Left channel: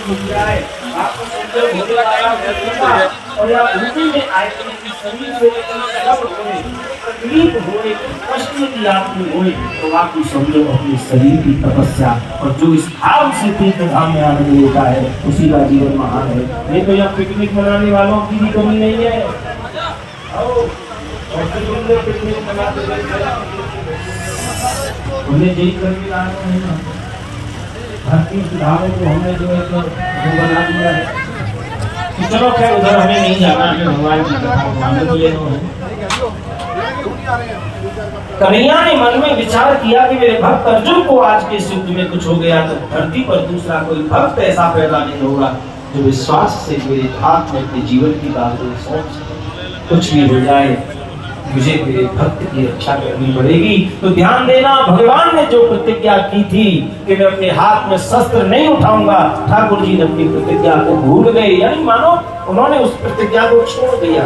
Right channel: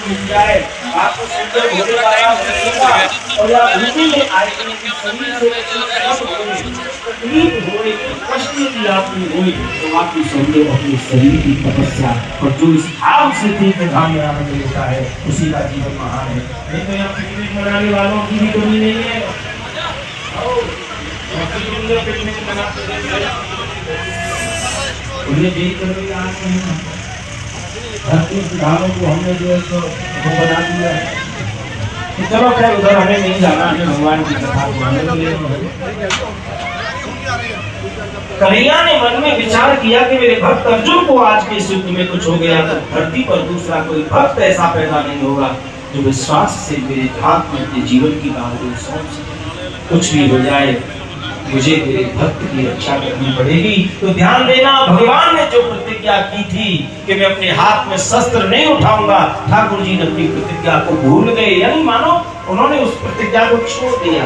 मिल जाए आपको सुंदर भोले वाला रखेगा और या उसी में आएगी कि शरीर से सब होने तकलीफ होने की कष्ट यदि आपको होए तो आपकी समझो अपने शरीर की तपस्या और जो इस भाव से तीर्थ धाम में आनंद लेता है उसी का जीवन महान है। ये तो यहाँ पिकनिक मनाने वालों की भी कमी नहीं है। पिकनिक मनाते उन्हें देख कर भी आए हैं धरती सुधारों को हमने जो है वो बना दिया है कि चलो क्या उधर हमें नहीं जाना, हमें भगवान की कथा मानने को लेना है। कन्हैया ने मन में विचार किया कि मेरे भक्त अर्जुन को आज के युग में कुछ हो गया तो धरती पर दूसरा कोई भक्त ऐसा पैदा नहीं होगा जो विश्वास से मेरे हाथ में अपने जीवन की बात सोच कुछ भी हो जाए मुझे मेरे भक्त की रक्षा करनी पड़ेगी। तो ध्यान देना, भगवान ने जो प्रतिज्ञा की थी कि मैं अपने हाथ में शस्त्र नहीं उठाऊंगा, ठाकुर जी ने अपनी प्रतिज्ञा को भूल गए, यानी मानो उन्होंने उस प्रतिज्ञा को छोड़ दिया।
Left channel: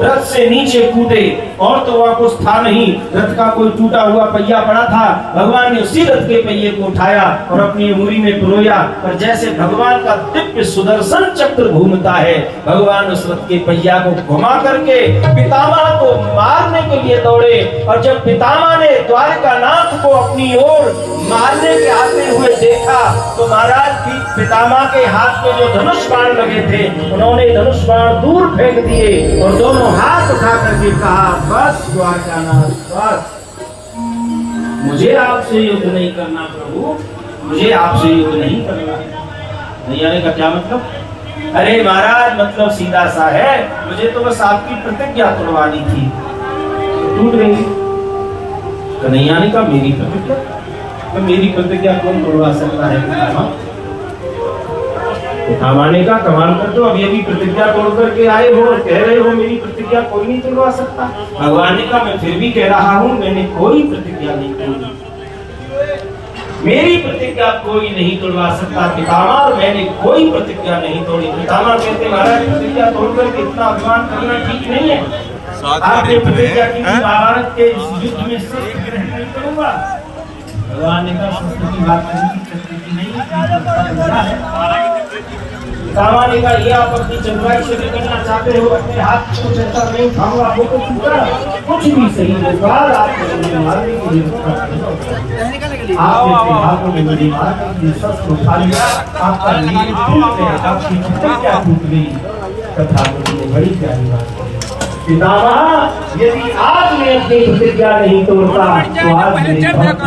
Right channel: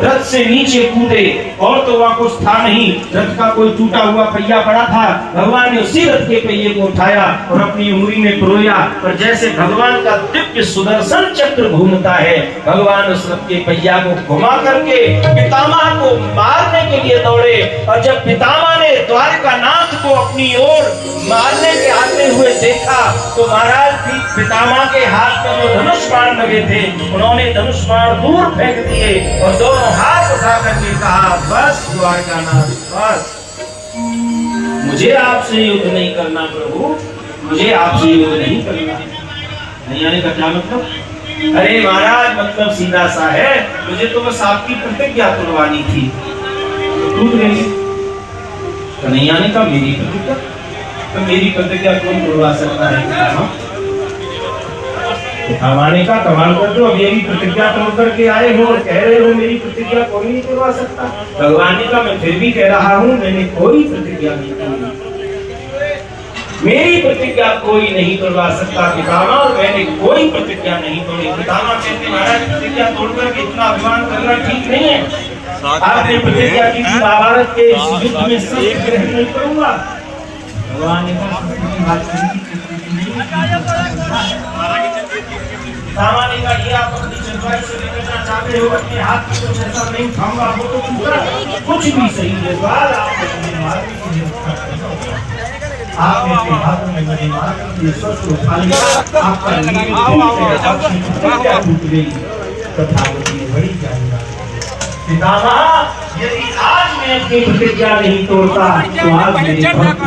रथ से नीचे कूदे और तो वहां कुछ था नहीं, रथ का कोई टूटा हुआ पहिया पड़ा था, भगवान ने उसी रथ के पहिए को उठाया और अपनी उंगली में पिरोया और जैसे भगवान का दिव्य सुदर्शन चक्र घूमता है, भगवान उस रथ के पहिया को घुमा करके पितामह को मारने के लिए दौड़े। और जब पितामह ने द्वारकानाथ को अपनी ओर मारने के आते हुए देखा तो महाराज पितामह के हाथ में जो धनुष बाण लगे थे उन्होंने धनुष बाण दूर फेंक दिए और दोनों हाथ उठा करके कहा बस द्वारकानाथ बस, मुझे आपसे युद्ध नहीं करना प्रभु, मुझे आपसे युद्ध नहीं करना। नहीं आने का क्या मतलब? अरे महाराज मतलब सीधा सा है, मुझे तो बस आपकी प्रतिज्ञा तोड़वानी थी तो टूट गई। कन्हैया ने कहा मेरी प्रतिज्ञा? तो मेरी प्रतिज्ञा कौन तोड़वा सकता है? पितामह का कमाल कर दो, अब मेरी प्रतिज्ञा तोड़ करके आए हो और कह रहे हो मेरी प्रतिज्ञा कोई नहीं तोड़वा सकता। भगवान ने कहा मैं फिर भी कह रहा हूँ मैंने कोई प्रतिज्ञा नहीं तोड़ी, मेरी प्रतिज्ञा कोई नहीं तोड़वा सकता पितामह, मैंने कोई प्रतिज्ञा नहीं तोड़ी। पितामह कहते महाराज प्रतिज्ञा तोड़ करके इतना अभिमान करना ठीक नहीं है। आपने प्रतिज्ञा की महाभारत के युद्ध में से ग्रहण नहीं करूंगा। भगवान ने कहा संस्कृति बात करनी नहीं है। पितामह ने कहा ये आप अपनी चतुराई से निकलना चाहते हो, अपने हाथ में कुछ ऐसा नहीं उठाऊंगा वो तो छूटा कुछ भी सही होगा, आपको मारने के लिए आपने अपने हाथों में मेरी मारने के लिए शस्त्र उठा लिया, आपका नील टूट गया, आपकी प्रतिज्ञा टूट गई। तथा मुझे बड़ी चाहिए पितामह यदि आज मैं अपनी प्रतिज्ञा नहीं तोड़ता तो आज मेरे भक्त